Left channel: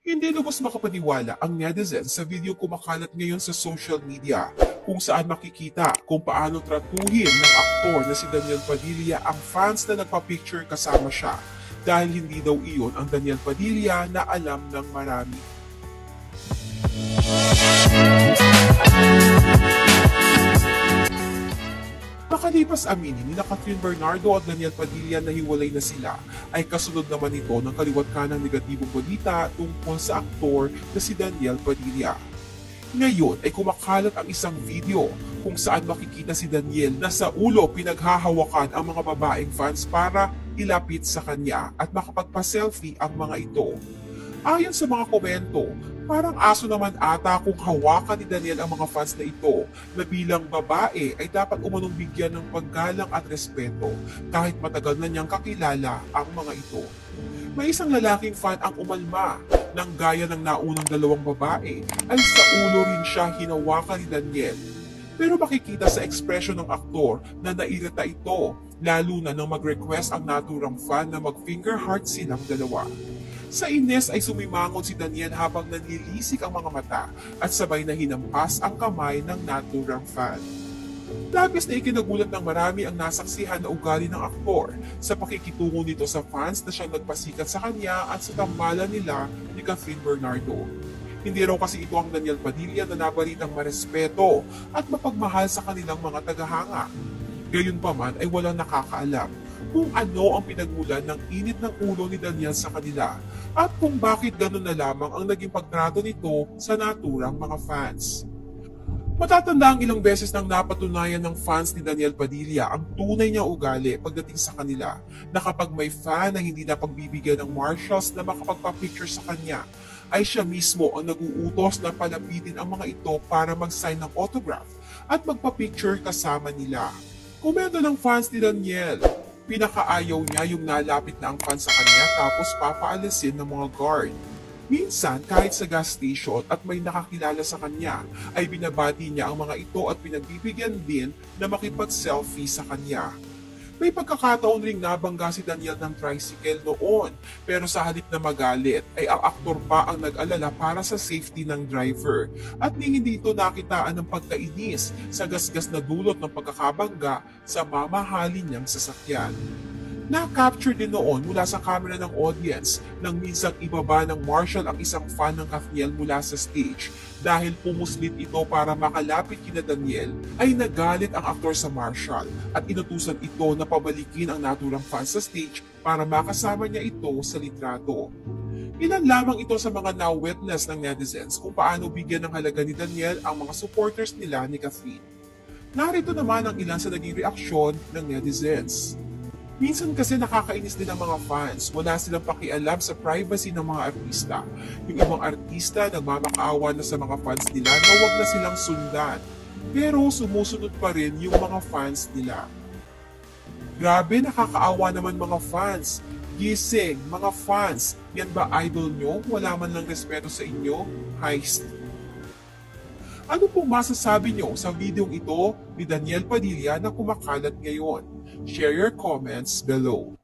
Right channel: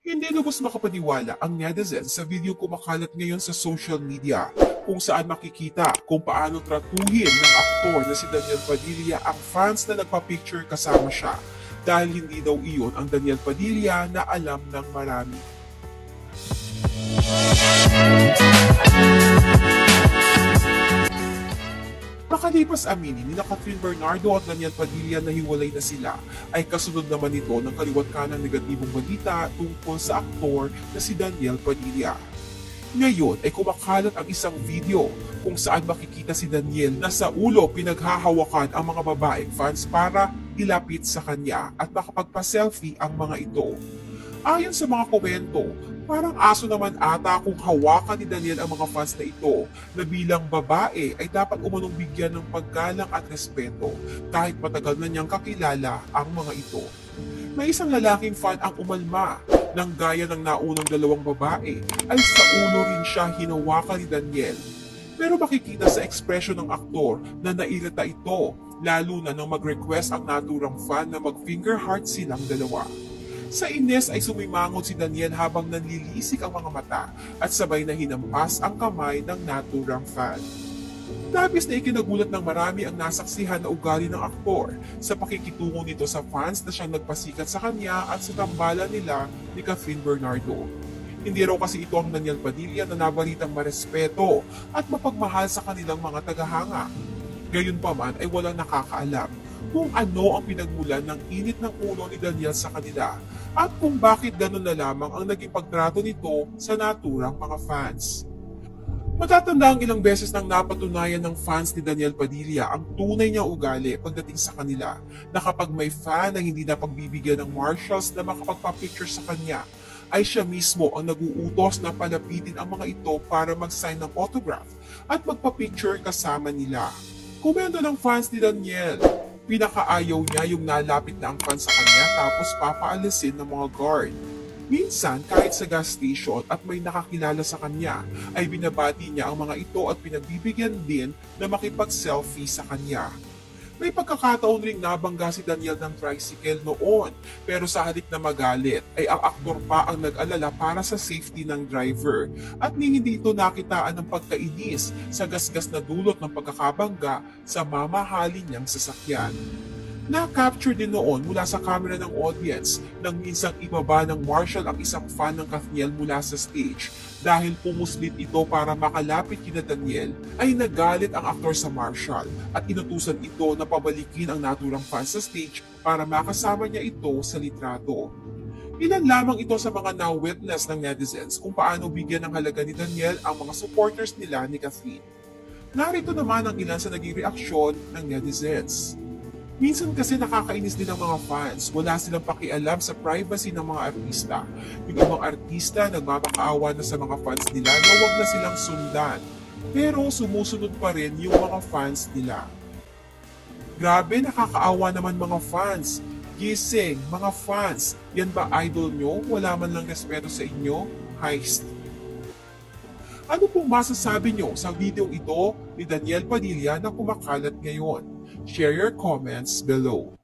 Hindi lubos makapaniwala ang netizens sa video kumakalat ngayon sa social media kung saan makikita kung paano tratuhin ng aktor na si Daniel Padilla ang fans na nagpa-picture kasama siya dahil hindi daw iyon ang Daniel Padilla na alam ng marami. Makalipas aminin ni Catherine Bernardo at Daniel Padilla na hiwalay na sila, ay kasunod naman ito ng kaliwat kanang negatibong balita tungkol sa aktor na si Daniel Padilla. Ngayon ay kumakalat ang isang video kung saan makikita si Daniel na sa ulo pinaghahawakan ang mga babaeng fans para ilapit sa kanya at makapagpa-selfie ang mga ito. Ayon sa mga komento, parang aso naman ata kung hawakan ni Daniel ang mga fans na ito na bilang babae ay dapat umanong bigyan ng paggalang at respeto kahit matagal na niyang kakilala ang mga ito. May isang lalaking fan ang umalma ng gaya ng naunang dalawang babae ay sa ulo rin siya hinawakan ni Daniel. Pero makikita sa ekspresyon ng aktor na nairita ito lalo na nang mag-request ang naturang fan na mag-finger heart silang dalawa. Sa ines ay sumimangot si Daniel habang nanlilisik ang mga mata at sabay na hinampas ang kamay ng naturang fan. Labis na ikinagulat ng marami ang nasaksihan na ugali ng aktor sa pakikitungo nito sa fans na siyang nagpasikat sa kanya at sa tambalan nila ni Catherine Bernardo. Hindi raw kasi ito ang Daniel Padilla na nabalitang marespeto at mapagmahal sa kanilang mga tagahanga. Gayunpaman ay walang nakakaalam kung ano ang pinagmulan ng init ng ulo ni Daniel sa kanila at kung bakit ganun na lamang ang naging pagtrato nito sa naturang mga fans. Matatanda ang ilang beses nang napatunayan ng fans ni Daniel Padilla ang tunay niya ugali pagdating sa kanila na kapag may fan na hindi na pagbibigyan ng marshals na makapagpa-picture sa kanya, ay siya mismo ang nag-uutos na palapitin ang mga ito para mag-sign ng autograph at magpa-picture kasama nila. Komento ng fans ni Daniel, pinakaayaw niya yung nalapit na ang fan sa kanya tapos papaalisin ng mga guard. Minsan, kahit sa gas station at may nakakilala sa kanya, ay binabati niya ang mga ito at pinagbibigyan din na makipag-selfie sa kanya. May pagkakataon ring nabangga si Daniel ng tricycle noon, pero sa halip na magalit ay ang aktor pa ang nag-alala para sa safety ng driver at hindi ito nakitaan ng pagkainis sa gasgas na dulot ng pagkakabangga sa mamahalin niyang sasakyan. Na-capture din noon mula sa camera ng audience nang minsang ibaba ng marshal ang isang fan ng Kathniel mula sa stage. Dahil pumuslit ito para makalapit kina Daniel, ay nagalit ang aktor sa marshal at inutusan ito na pabalikin ang naturang fan sa stage para makasama niya ito sa litrato. Ilan lamang ito sa mga na-witness ng netizens kung paano bigyan ng halaga ni Daniel ang mga supporters nila ni Catherine. Narito naman ang ilan sa naging reaksyon ng netizens. Minsan kasi nakakainis din ang mga fans. Wala silang pakialam sa privacy ng mga artista. Yung ibang artista nagmamakaawa na sa mga fans nila na wag na silang sundan. Pero sumusunod pa rin yung mga fans nila. Grabe, nakakaawa naman mga fans. Gising, mga fans. Yan ba idol nyo? Wala man lang respeto sa inyo? Heist. Ano pong masasabi nyo sa video ito ni Daniel Padilla na kumakalat ngayon? Share your comments below.